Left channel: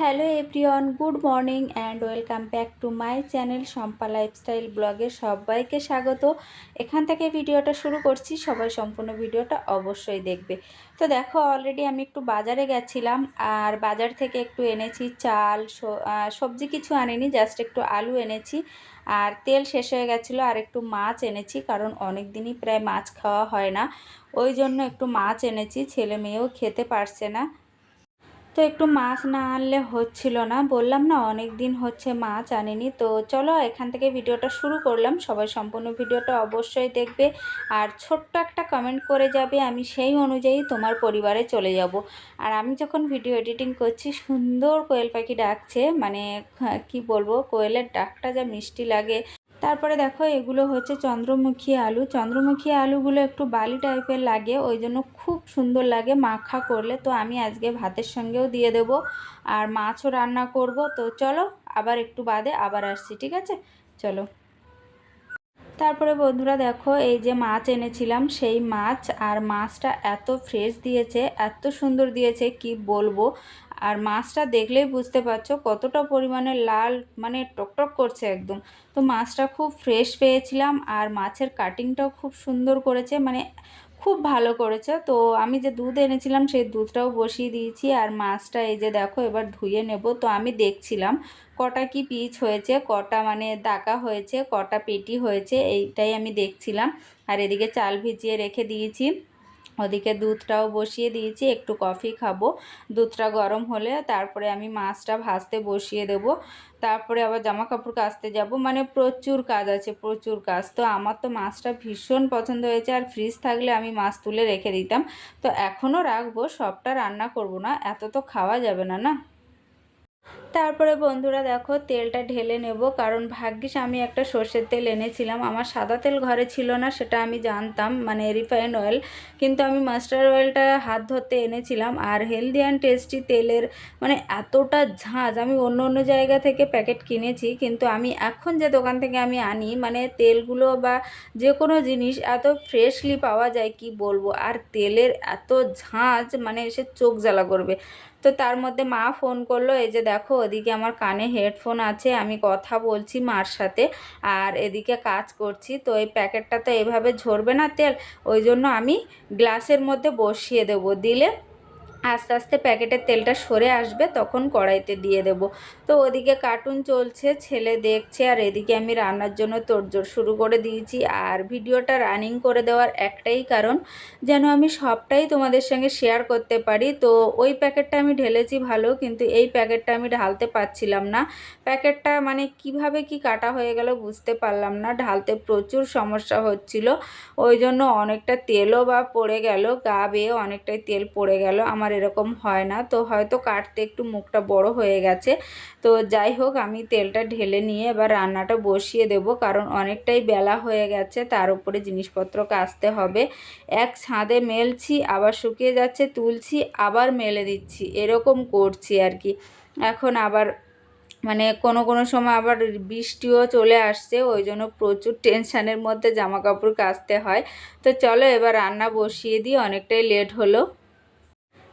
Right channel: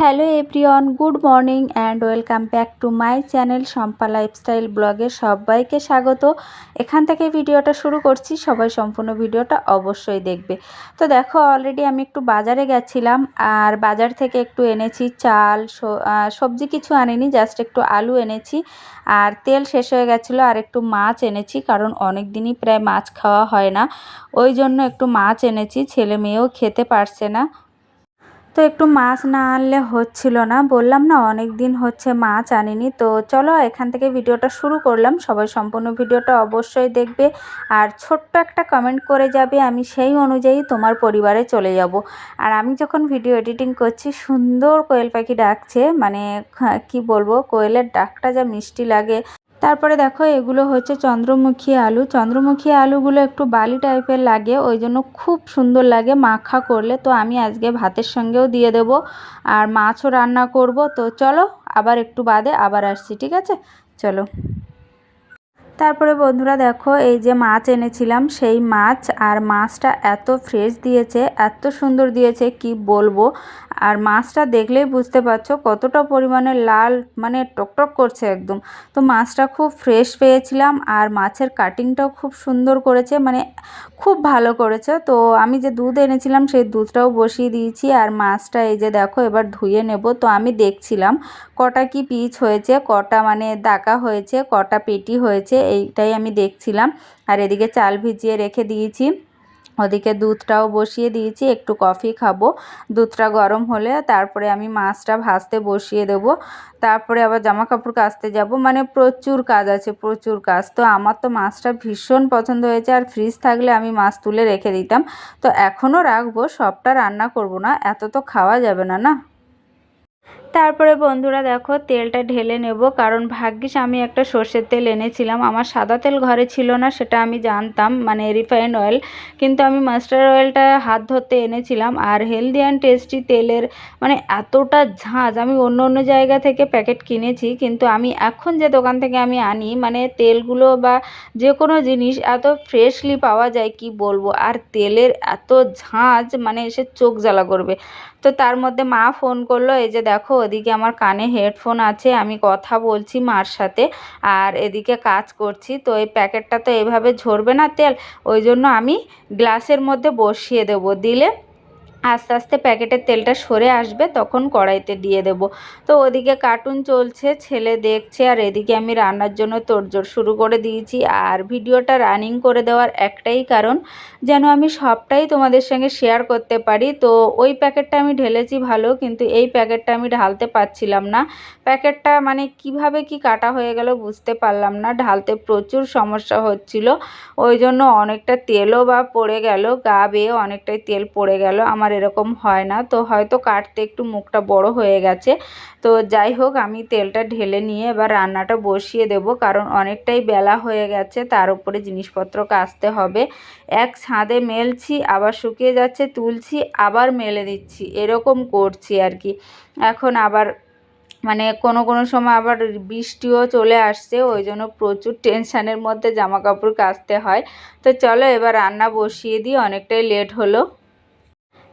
Hello everyone, good morning and welcome back to my channel Shampa lifestyle ব্লগে সবাইকে স্বাগত। এখান থেকে ভিডিওটা শুরু করছি, সবাই সম্পূর্ণ ভিডিওটা অবশ্যই দেখবে। তো দেখো অলরেডি আমি একটু বাজারে গেছিলাম আর বাজার থেকে একটু এনেছি চাল সবজি কিছু আনিনি জাস্ট একটু আলু এনেছি আর তেল শেষ হয়ে গেছিল আর একটু মাছ এনেছি কারণ অনেক দিনই প্রায় মাছ খাওয়া হয় না। ওই জন্য একটু মাছ এনেছি, ছেলে মেয়েও খেতে পারছে না। তো একটু মাছ না আনলে হচ্ছিল না। বললাম, না, অনেক দিন হচ্ছে মাছ আনিনি। তো চলো, এখান থেকে ভিডিওটা শুরু করলাম। সবাই সম্পূর্ণ ভিডিওটা অবশ্যই দেখবে। আর ছোট্ট একটা কমেন্ট করে যাবে, আমি সেই অনুযায়ী তোমার পরিবারে চলে যাব। আর আমি যখন ভিডিও এডিটিং করছি, সুন্দর কোয়েল পাখি ডাকছে। মানে কি বলব? কোয়েলের ডাকটা যা মিষ্টি লাগে। তারপরে দেখো, এগুলো হচ্ছে চন্দ্রমুখী আলু। চন্দ্রমুখী আলুগুলো একটু বালি টাইপের লাগে, ওই জন্য খুব সুন্দর লাগে মাখা করলে। তো আমি আজকে ভাতের সঙ্গেও দিয়ে দেব আর মাছও রান্না করব। তো চলো, আবার একটু বাদে আবার আসছি, ঠিক আছে? চলো। তারপরে বন্ধুরা দেখো, এই যে মাছ এনেছিলাম, সেই মাছ আর মাছটা এত ফ্রেশ দিয়েছে, এত সুন্দর দিয়েছে, কি বলব? আর মাছটা দেখলেই বুঝতে পারছ কতটা পরিমাণে লাল মানে টকটক করছে একদম। তো মাছটা খুব ফ্রেশ পেয়েছিলাম আর মাছের কাটিংটাও খুব সুন্দর করেছে মানে খুব ভালো করেছে। তো আমি যে দুধ এনেছিলাম সেই দুধটাও বসিয়ে দিয়েছি আর মাছটা এই যে দেখো এবার ধুয়ে নেব। তো আমি দেখছিলাম কটা কি পিচ হয়েছে, কটা মানে দাকা হয়েছে, কটা পেটি হয়েছে, এইটাই আমি দেখছিলাম। আর এদিকে চাল ভিজিয়ে রেখে দিয়েছি। ওদিকে দুধটাও বসিয়ে দিয়েছি, একটু কফি খাব। দুধটা গরম হলে তারপরে আমি মাছটা ভাজতে বসিয়ে দেব। তারপরে আবার জামা কাপড় কাচতে যাব। মানে প্রচুর কাজ আছে, প্রচুর কাজ। তো আমার তো মাছটা ভীষণ পছন্দ হয়েছে আর ফ্রিজ থাকলে আমি মাছ তুলে রেখে দিতাম। তো এখনও রাখব, সবটা রান্না করব না, এত তো খাওয়া যাবে না না? তারপরে বন্ধুরা দেখো তেলটা ঢেলে নেব, কারণ ভাগ্যিস আমি একটা সর্ষের তেল এনেছিলাম। আমার সাদা তেল ঘরে ছিল না, সেটা আমি জানতাম মানে রিফাইন অয়েল। কিন্তু আমি মাস্টার অয়েলটা হাত ধরতে এনেছিলাম, আর হেলদি অ্যান্ড টেস্টি তেলের মানে এতটা ঝাঁঝ আমি অন্য অন্য জায়গা থেকে প্যাকেট কিনেছি, কিন্তু আমি এখন যে দোকান থেকে আমি আনি মানে তেলগুলো বা যে কোনো জিনিস এত ফ্রেশলি পাওয়া যায়, কি বলব? আর তেলের এত ঝাঁঝ মানে এসে চোখ জ্বালা করবে। তো তার মধ্যে মা ফোন করল, এই যে দেখো ওদিকে আমার কানে হেডফোন আছে, আমি কথা বলছি মার সাথে আর এদিকে কাজ করছি। তো এই প্যাকেটটা তো এভাবে ঝরবে না তেল, ওই জন্য আমি গ্লাসের মধ্যে বসিয়ে দেবো। দিলে আস্তে আস্তে প্যাকেটের তেলটা সরে আসবে, তখন কড়াইতে দিয়ে দেব। তো ওদিকে কার্টুন চলছে, ছেলে দেখছে, আর এদিকে আমি রান্নার জন্য তোড়জোড় শুরু করে দিয়েছি। আর ভিডিওটা রানিং করে দেওয়ার একটাই কারণ, যেন আমি সবটাই তোমাদের সঙ্গে শেয়ার করতে পারি। তো ওই প্যাকেটটা আমি ঢেলেছি ভালো, কিন্তু এই প্যাকেটটা আমি ঢালতে পারছিলাম না। প্যাকেটটা মানে কীভাবে কি কাটা হয়ে গেল বুঝতে পারলাম না। ঢালতে প্রচুর সমস্যা হচ্ছিল, ওই জন্য অনেকটা তেলও বা পড়ে গেল, গা বেয়ে অনেকটাই তেল পড়ে গেল। আমার এরকম হয় না। তো হয়তো কাটতে একটু মুখটা বড় হয়ে গেছে। তো যাই হোক, আমি তেলটা ঢেলে নিয়ে এবার রান্নাটা বসিয়ে দেব। কারণ অনেকটাই বেলা হয়ে গেছে, তার উপরে জিনিসপত্র কাচতে হবে। এক ছাদে মেলছি, আবার শুকিয়ে যাচ্ছে, তুলছি, আবার মেলে দিচ্ছি। এরকম করছি আর কি। এখন আবার মানে কোনো কোনো সময় আবার বৃষ্টিও চলে আসছে, ওই জন্য প্রচুর টেনশানের মধ্যে জামা কাপড় কাচতে হয়। তো চলো এবার রান্না বসিয়ে দিই, অনেকটাই লেট হলো।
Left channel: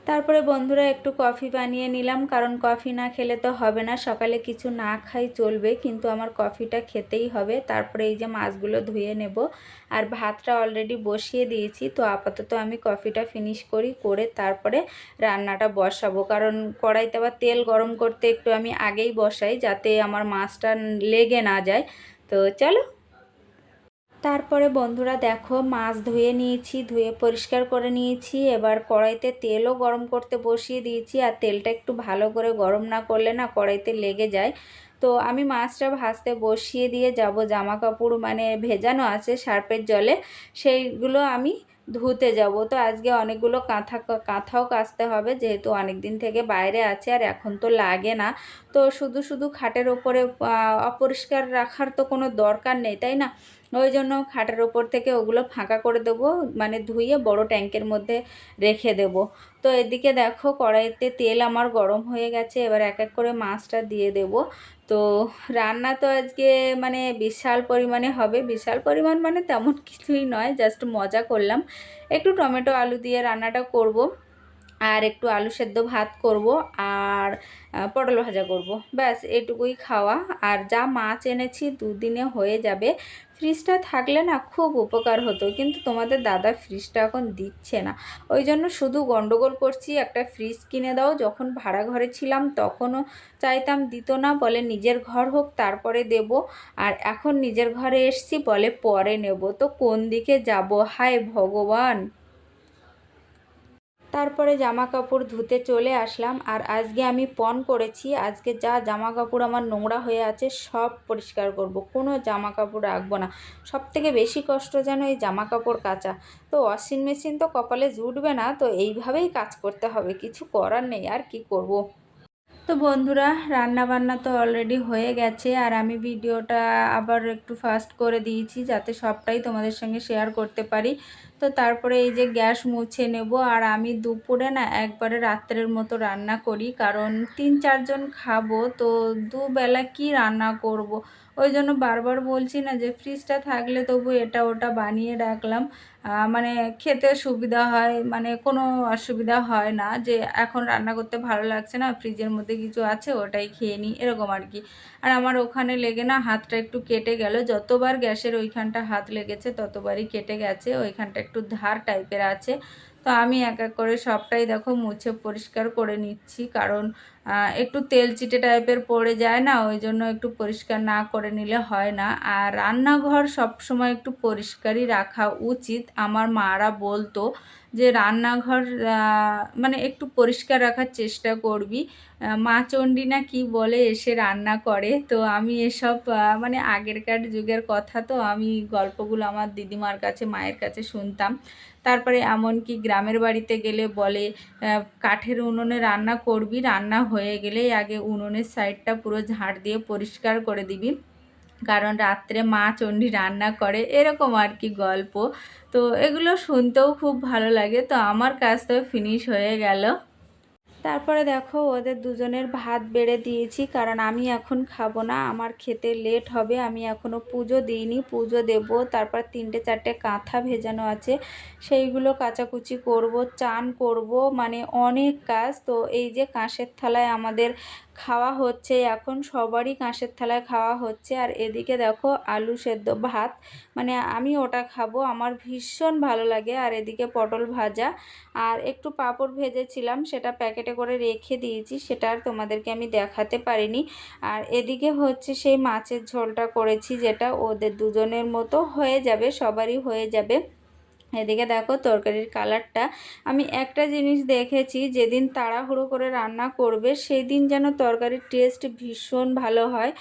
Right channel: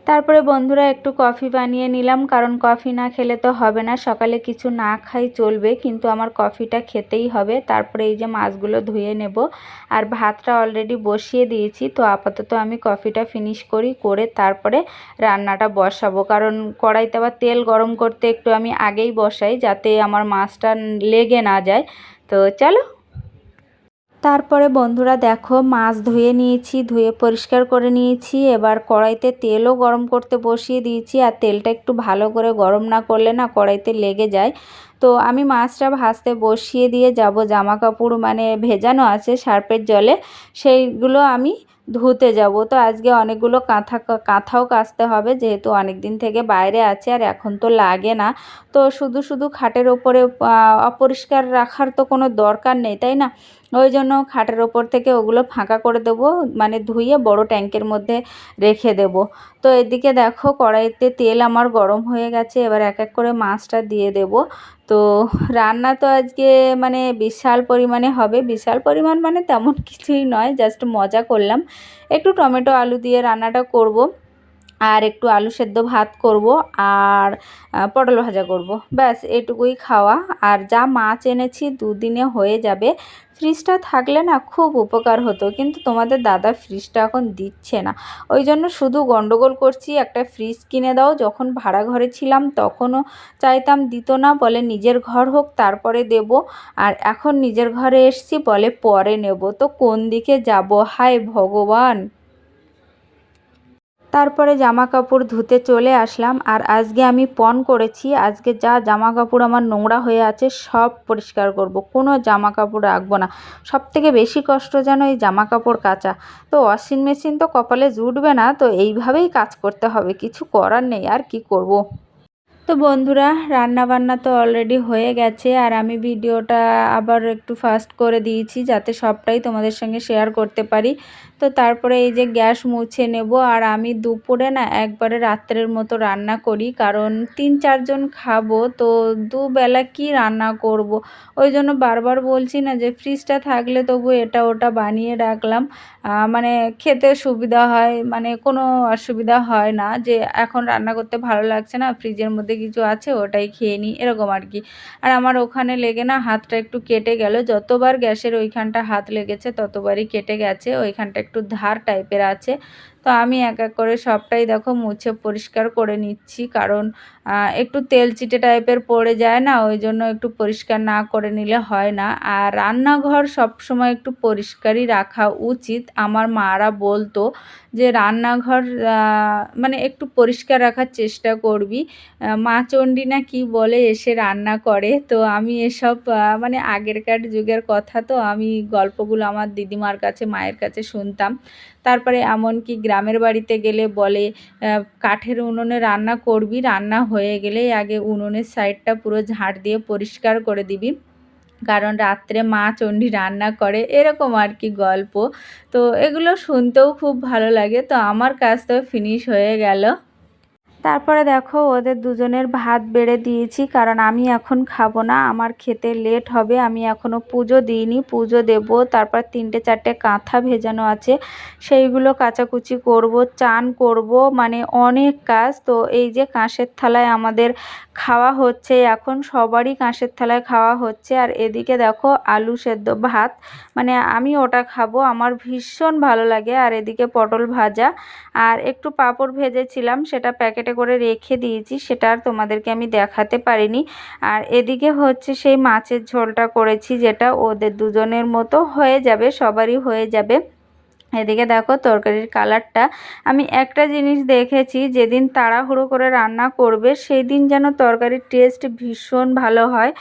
তারপরে বন্ধুরা একটু কফি বানিয়ে নিলাম, কারণ কফি না খেলে তো হবে না। সকালে কিছু না খাই চলবে, কিন্তু আমার কফিটা খেতেই হবে। তারপরে এই যে মাছগুলো ধুয়ে নেব, আর ভাতটা অলরেডি বসিয়ে দিয়েছি, তো আপাতত আমি কফিটা ফিনিশ করি, করে তারপরে রান্নাটা বসাবো। কারণ কড়াইতে আবার তেল গরম করতে একটু আমি আগেই বসাই, যাতে আমার মাছটা লেগে না যায়। তো চলো তারপরে বন্ধুরা দেখো, মাছ ধুয়ে নিয়েছি, ধুয়ে পরিষ্কার করে নিয়েছি। এবার কড়াইতে তেলও গরম করতে বসিয়ে দিয়েছি। আর তেলটা একটু ভালো করে গরম না করলে না কড়াইতে লেগে যায়। তো আমি মাছটা ভাজতে বসিয়ে দিয়ে যাব। জামা কাপড় মানে ভেজানো আছে সার্পের জলে। সেইগুলো আমি ধুতে যাব। তো আজকে অনেকগুলো কাঁথা কাঁথাও কাচতে হবে, যেহেতু অনেক দিন থেকে বাইরে আছে আর এখন তো লাগে না। তো শুধু শুধু খাটের ওপরে অপরিষ্কার রাখার তো কোনো দরকার নেই, তাই না? ওই জন্য খাটের ওপর থেকে ওগুলো ফাঁকা করে দেব মানে ধুয়ে বড় ট্যাঙ্কের মধ্যে রেখে দেব। তো এদিকে দেখো কড়াইতে তেল আমার গরম হয়ে গেছে, এবার এক এক করে মাছটা দিয়ে দেব। তো রান্না তো আজকে মানে বিশাল পরিমাণে হবে। বিশাল পরিমাণ মানে তেমন কিছুই নয় জাস্ট মজা করলাম। একটু টমেটো আলু দিয়ে রান্নাটা করব। আর একটু আলু সেদ্ধ ভাত করব আর পটল ভাজা করব। ব্যাস, এটুকুই খাওয়া। আর যা মাছ এনেছি দুদিনে হয়ে যাবে। ফ্রিজটা থাকলে না খুব উপকার হতো, কিন্তু তোমাদের দাদা ফ্রিজটা এখন দিচ্ছে না। ওই জন্য শুধু গন্ডগোল করছি, একটা ফ্রিজ কিনে দাও। যখন ভাড়া ঘরে ছিলাম তখনও চাইতাম দিত না, বলে নিজের ঘর হোক, তারপরে দেব। আর এখন নিজের ঘরে এসছি, বলে পরে নেব। তো কোন দিকে যাব? হায় ভগবান! তারপরে জামা কাপড় ধুতে চলে আসলাম আর আজকে আমি পণ করেছি। আজকে যা জামা কাপড় আমার নোংরা হয়ে আছে সব পরিষ্কার করব। কোনো জামা কাপড় রাখব না। সব থেকে বেশি কষ্ট যেন এই জামা কাপড় কাচা। তো ওয়াশিং মেশিন তো কপালে জুটবে না, তো এইভাবেই কাজ করতে হবে। কিছু করার নেই, আর কি করব। তো বন্ধুরা রান্না বান্না তো অলরেডি হয়ে গেছে আর আমি ভিডিওটা আবার একটু ফাস্ট করে দিয়েছি যাতে সবটাই তোমাদের সঙ্গে শেয়ার করতে পারি। তো তারপরে এই যে গ্যাস মুছে নেব আর আমি দুপুরে না একবারে রাত্রের মতো রান্না করি কারণ তিন চারজন খাব তো দুবেলা কি রান্না করব। ওই জন্য বারবার বলছি না যে ফ্রিজটা থাকলে তবু এটা ওটা বানিয়ে রাখলাম মানে খেতে সুবিধা হয় মানে কোনো অসুবিধা হয় না যে এখন রান্না করতে ভালো লাগছে না, ফ্রিজের মধ্যে কিছু আছে ওটাই খেয়ে নিই, এরকম আর কি। আর আমার ওখানে লেগে না হাতটা একটু কেটে গেল, যতবার গ্যাসের ওইখানটা হাত লেগেছে ততবারই কেটে গেছে, ওইখানটা একটু ধার টাইপের আছে। তো আমি এক এক করে সবটাই দেখো মুছে পরিষ্কার করে নিচ্ছি। কারণ একটু তেল চিটে টাইপের পড়ে যায় না, ওই জন্য একটু পরিষ্কার না করে নিলে হয় না। আর রান্নাঘর সবসময় একটু পরিষ্কারই রাখা উচিত। আমার মারা বলতো যে, রান্নাঘর মানে একটু পরিষ্কার রাখার চেষ্টা করবি। মা চণ্ডী না কি বলে, এসে রান্না করে। তো আমি এসব মানে আগেরকার যুগের কথা তো আমি গল্পগুলো আমার দিদিমার কাছে, মায়ের কাছে শুনতাম। তারপরে এমনকি গ্রামের বাড়িতে গেলে বলে কাঠের উনুনে রান্না করবি, রান্না হয়ে গেলেই আগে উনুনের সাইডটা পুরো ঝাড় দিয়ে পরিষ্কার করে দিবি। কারণ রাত্রে মা চণ্ডী রান্না করে। এরকম আর কি গল্প। তো এগুলো শুনতেও খুব ভালো লাগে। তো আমার কাজ তো ফিনিশ হয়ে গেল। তারপরে দেখো ওদের দুজনের ভাত বেড়ে দিয়েছি, কারণ আমি এখন খাব না, আমার খেতে লেট হবে, আমি এখনও পুজো দিইনি, পুজো দেব, তারপর তিনটে চারটে কাঁথা ভেজানো আছে, সেইগুলো কাচাকুচি করব, চান করব মানে অনেক কাজ, তো এই যে কাঁসের থালায় আমাদের খাওয়া হচ্ছে, এখন সবারই কাঁসের থালায় খাওয়া হচ্ছে, আর এদিকে দেখো আলু সেদ্ধ ভাত মানে আমি ওটা খাব, আমার ভীষণ ভালো লাগে, আর এদিকে পটল ভাজা, আর একটু পাঁপড় ভেজেছিলাম, সেটা প্যাকেটে করে রেখে দিয়েছি, সেটা আর তোমাদেরকে আমি দেখাতে পারিনি। আর এদিকে হচ্ছে সেই মাছের ঝোলটা করেছি, যেটা ওদের দুজনের মতো হয়ে যাবে, সবারই হয়ে যাবে। এদিকে দেখো তরকারির কালারটা। আমি একটা জিনিস দেখেছি, যেদিন তাড়াহুড়ো করে রান্না করবে সেই দিন যেন তরকারির টেস্ট ভীষণ ভালো হয়।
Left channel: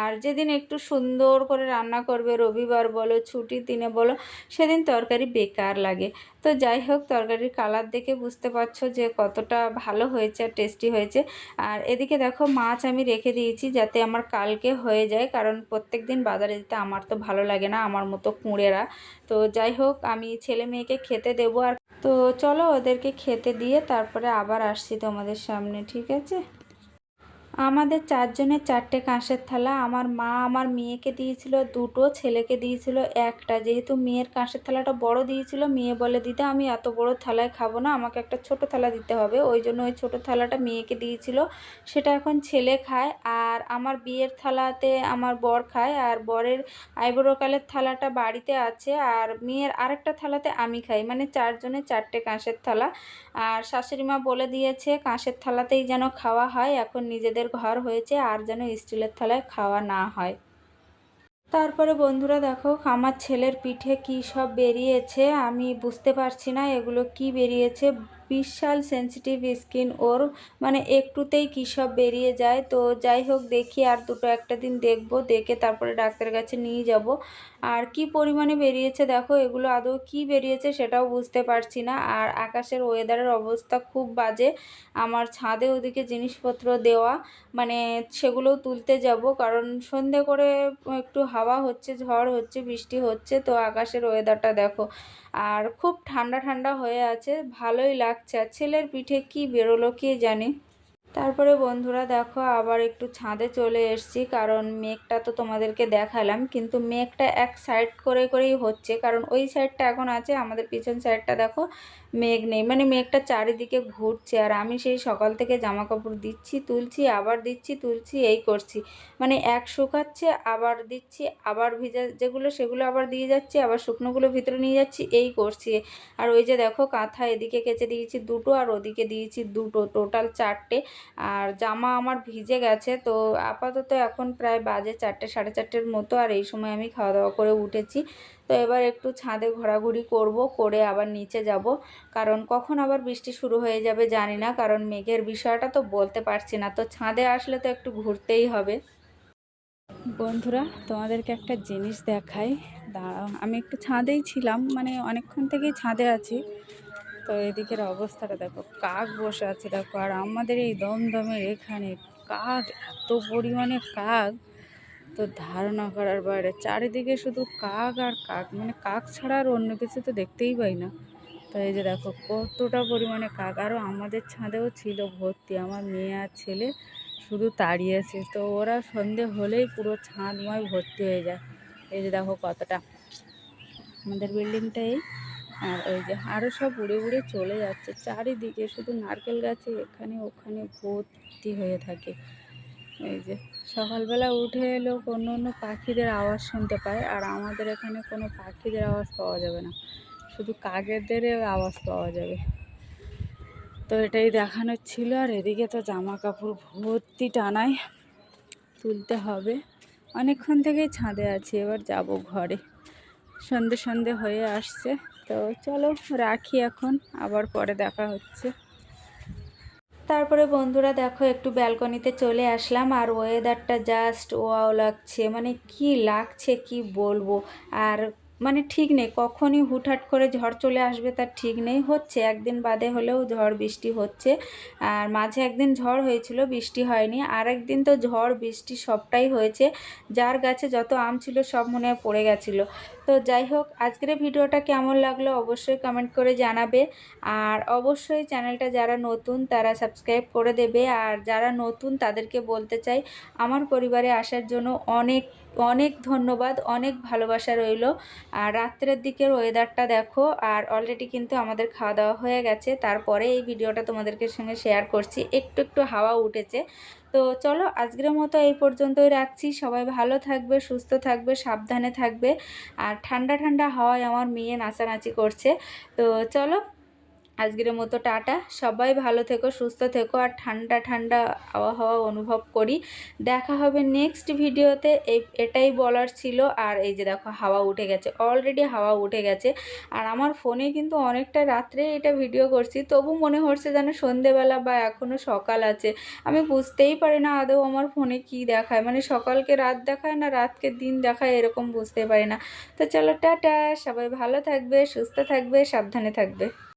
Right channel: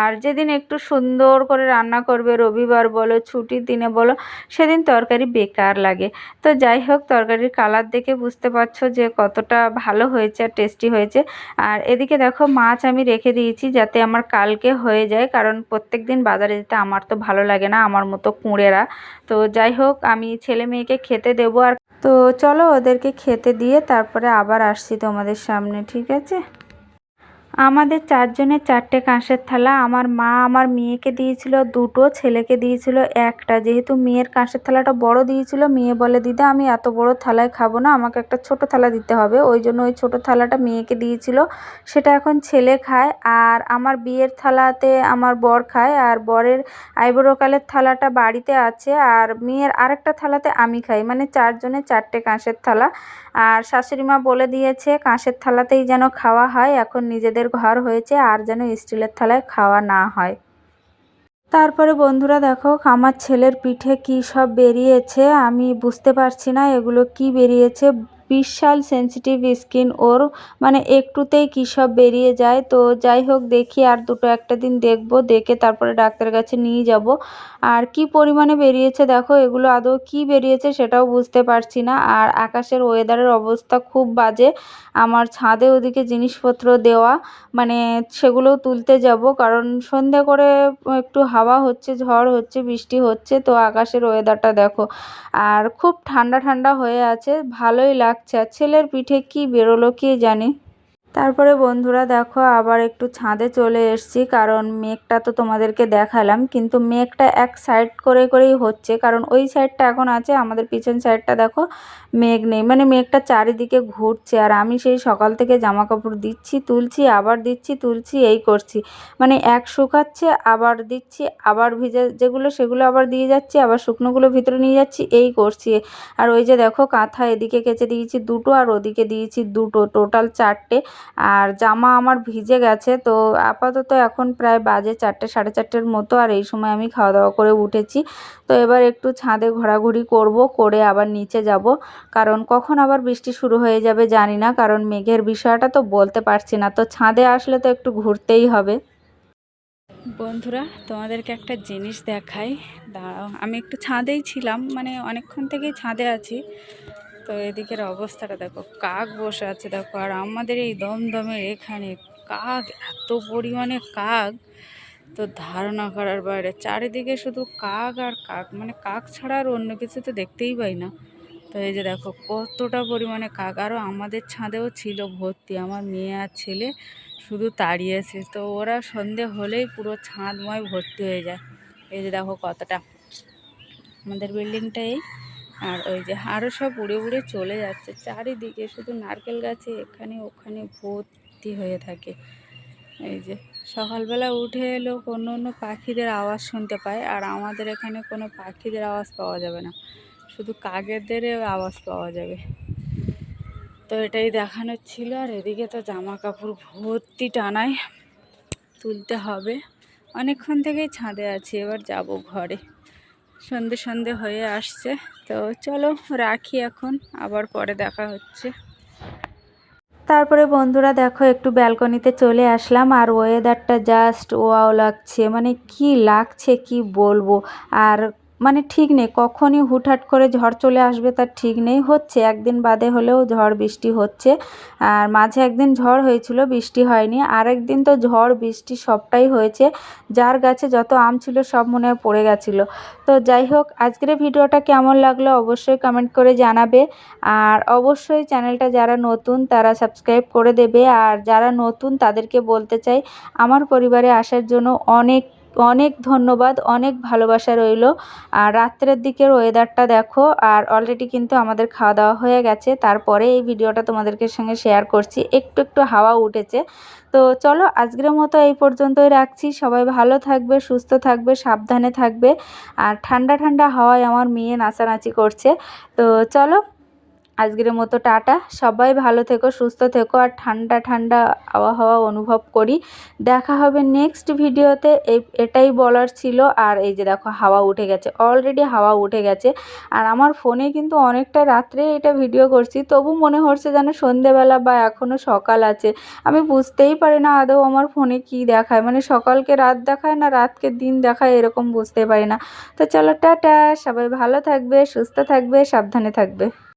আর যেদিন একটু সুন্দর করে রান্না করবে, রবিবার বলো, ছুটির দিনে বলো, সেদিন তরকারি বেকার লাগে। তো যাই হোক, তরকারির কালার দেখে বুঝতে পারছ যে কতটা ভালো হয়েছে আর টেস্টি হয়েছে। আর এদিকে দেখো মাছ আমি রেখে দিয়েছি যাতে আমার কালকে হয়ে যায়, কারণ প্রত্যেক দিন বাজারে যেতে আমার তো ভালো লাগে না, আমার মতো কুঁড়েরা। তো যাই হোক, আমি ছেলে মেয়েকে খেতে দেবো আর তো চলো ওদেরকে খেতে দিয়ে তারপরে আবার আসছি তোমাদের সামনে, ঠিক আছে? আমাদের চারজনের চারটে কাঁসের থালা। আমার মা আমার মেয়েকে দিয়েছিল, দুটো ছেলেকে দিয়েছিল, একটা। যেহেতু মেয়ের কাঁসের থালাটা বড় দিয়েছিল, মেয়ে বলে, দিদা, আমি এত বড় থালায় খাব না, আমাকে একটা ছোট থালা দিতে হবে। ওই জন্য ওই ছোট থালাটা মেয়েকে দিয়েছিল। সেটা এখন ছেলে খায় আর আমার বিয়ের থালাতে আমার বর খায় আর বরের আইবুড়োকালের থালাটা বাড়িতে আছে আর মেয়ের আরেকটা থালাতে আমি খাই। মানে চারজনের চারটে কাঁসের থালা। আর শাশুড়ি মা বলে দিয়েছে, কাঁসের থালাতেই যেন খাওয়া হয়, এখন নিজেদের ঘর হয়েছে, আর যেন স্টিলের থালায় খাওয়া না হয়। তারপরে বন্ধুরা দেখো, আমার ছেলের পিঠে কি সব বেরিয়েছে, আমি বুঝতে পারছি না এগুলো কি বেরিয়েছে। বিশাল সেন্সিটিভ স্কিন ওর মানে একটুতেই কী সব বেরিয়ে যায়। তো যাই হোক, দেখি আর দুটো একটা দিন দেখব, দেখে তারপরে ডাক্তারের কাছে নিয়ে যাব। আর কি পরিমাণে বেরিয়েছে দেখো, এগুলো আদৌ কি বেরিয়েছে সেটাও বুঝতে পারছি না। আর আকাশের ওয়েদারের অবস্থা খুব বাজে। আমার ছাদে ওদিকে জিনিসপত্র দেওয়া মানে সেগুলোও তুলতে যাব। কারণ সন্ধে করে একটু হাওয়া হচ্ছে, ঝড় হচ্ছে, বৃষ্টি হচ্ছে, তো আকাশের ওয়েদারটা দেখো। আর খুব ঠান্ডা ঠান্ডা হয়ে আছে, ভালোই লাগছে। আর ছেলের পিঠে কি বেরোলো কে জানে? তারপরে বন্ধুরা দেখো আবার একটু ছাদে চলে এসছি, কারণ মেঘটা তো তোমাদেরকে দেখালাম, কিন্তু মেঘটা এক সাইড করে করেই হচ্ছে, কারণ ওই সাইডটা এখন আছে, আমাদের পিছন সাইডটা দেখো মেঘ নেই মানে মেঘটা চারিদিকে ঘুরছে, আর আমি সেই সকাল থেকে জামা কাপড় দিচ্ছি, তুলছি, আবার দিচ্ছি, তুলছি, এই করছি মানে এক শুকাচ্ছে, আবার দিচ্ছি, আবার ভিজে যেগুলো সেগুলো আবার দিয়ে যাচ্ছি, আবার শুকনোগুলো ভিতরে নিয়ে যাচ্ছি, এই করছি, আর ওই যে দেখো কাঁথা এদিকে কেচে দিয়েছি দুটো, আর ওদিকে দিয়েছি দুটো টোটাল চারটে আর জামা আমার ভিজে গেছে, তো আপাতত এখন প্রায় বাজে চারটে, সাড়ে চারটের মতো, আর এই সময় আমি খাওয়া দাওয়া করে উঠেছি। তো এবার একটু ছাদে ঘোরাঘুরি করব, করে আবার নিচে যাব। কারণ কখন আবার বৃষ্টি শুরু হয়ে যাবে জানি না, কারণ মেঘের বিষয়টা তো বলতে পারছি না। তো ছাদে আসলে তো একটু ঘুরতেই হবে। বন্ধুরা, তোমাদেরকে একটা জিনিস দেখাই। দাঁড়াও, আমি একটু ছাদেই ছিলাম মানে অনেকক্ষণ থেকেই ছাদে আছি। তো এদিকের অবস্থাটা দেখো, কাক বসে আছে দেখো, আর আমাদের এই দমদমের এখানে কাক, এত পরিমাণে কাক, তো ধারণা করার বাইরে, চারিদিকে শুধু কাক আর কাক মানে কাক ছাড়া আর অন্য কিছু তো দেখতেই পাই না। তো এই যে দেখো, কতটা পরিমাণে কাক, আরও আমাদের ছাদেও ছিল ভর্তি, আমার মেয়ে আর ছেলে শুধু তাড়িয়েছে তো ওরা সন্ধে হলেই পুরো ছাদময় ভর্তি হয়ে যায়। এই যে দেখো কতটা, আমাদের বিল্ডিংটা এই আর ওই যে আরও সব উড়ে উড়ে চলে যাচ্ছে। চারিদিকে শুধু নারকেল গাছে, এখানে ওখানে ভর্তি হয়ে থাকে। এই যে সকালবেলা উঠে এলো, অন্য অন্য পাখিদের আওয়াজ শুনতে পায়, আর আমাদের এখানে কোনো পাখিদের আওয়াজ পাওয়া যাবে না। শুধু কাকেদের আওয়াজ পাওয়া যাবে। তো এটাই দেখানোর ছিল, আর এদিকে তো জামা কাপড় ভর্তি টানায় তুলতে হবে। অনেকক্ষণ থেকেই ছাদে আছি, এবার যাব ঘরে। সন্ধে সন্ধে হয়ে আসছে। তো চলো রাখি এখন, আবার পরে দেখা হচ্ছে। তারপরে বন্ধুরা দেখো, একটু ব্যালকনিতে চলে আসলাম, আর ওয়েদারটা জাস্ট ওয়াও লাগছে। মানে কি লাগছে, কি বলব? আর মানে ঠিক নেই, কখনই হুটহাট করে ঝড় চলে আসবে তার ঠিক নেই, হচ্ছে। একদিন বাদে হলেও ঝড় বৃষ্টি হচ্ছে। আর মাঝে একদিন ঝড় হয়েছিল, বৃষ্টি হয়নি। আর একদিন তো ঝড়, বৃষ্টি সবটাই হয়েছে। যার গাছে যত আম ছিল, সব মনে হয় পড়ে গেছিল। তো যাই হোক, আজকের ভিডিওটা কেমন লাগল অবশ্যই কমেন্ট করে জানাবে। আর অবশ্যই চ্যানেলটা যারা নতুন, তারা সাবস্ক্রাইব করে দেবে। আর যারা নতুন, তাদেরকে বলতে চাই, আমার পরিবারে আসার জন্য অনেক অনেক ধন্যবাদ, অনেক ভালোবাসা রইল। আর রাত্রের দিকের ওয়েদারটা দেখো, আর অলরেডি কিন্তু আমাদের খাওয়া দাওয়া হয়ে গেছে। তারপরে এই ভিডিওটা তোমাদেরকে সঙ্গে শেয়ার করছি। একটু একটু হাওয়া উঠেছে। তো চলো, আজকের মতো এই পর্যন্তই রাখছি। সবাই ভালো থাকবে, সুস্থ থাকবে, সাবধানে থাকবে। আর ঠান্ডা ঠান্ডা হাওয়ায় আমার মেয়ে নাচানাচি করছে। তো চলো আজকের মতো টাটা। সবাই ভালো থেকো, সুস্থ থেকো আর ঠান্ডা ঠান্ডা আবহাওয়া অনুভব করি। দেখা হবে নেক্সট ভিডিওতে এটাই বলার ছিল। আর এই যে দেখো, হাওয়া উঠে গেছে। অলরেডি হাওয়া উঠে গেছে। আর আমার ফোনে কিন্তু অনেকটা রাত্রে এটা ভিডিও করছি। তবু মনে হচ্ছে যেন সন্ধেবেলা বা এখনও সকাল আছে। আমি বুঝতেই পারি না আদৌ আমার ফোনে কি দেখায়। মানে সকালকে রাত দেখায় না রাতকে দিন দেখায় এরকম বুঝতে পারি না। তো চলো, টাটা। সবাই ভালো থাকবে, সুস্থ থাকবে, সাবধানে থাকবে।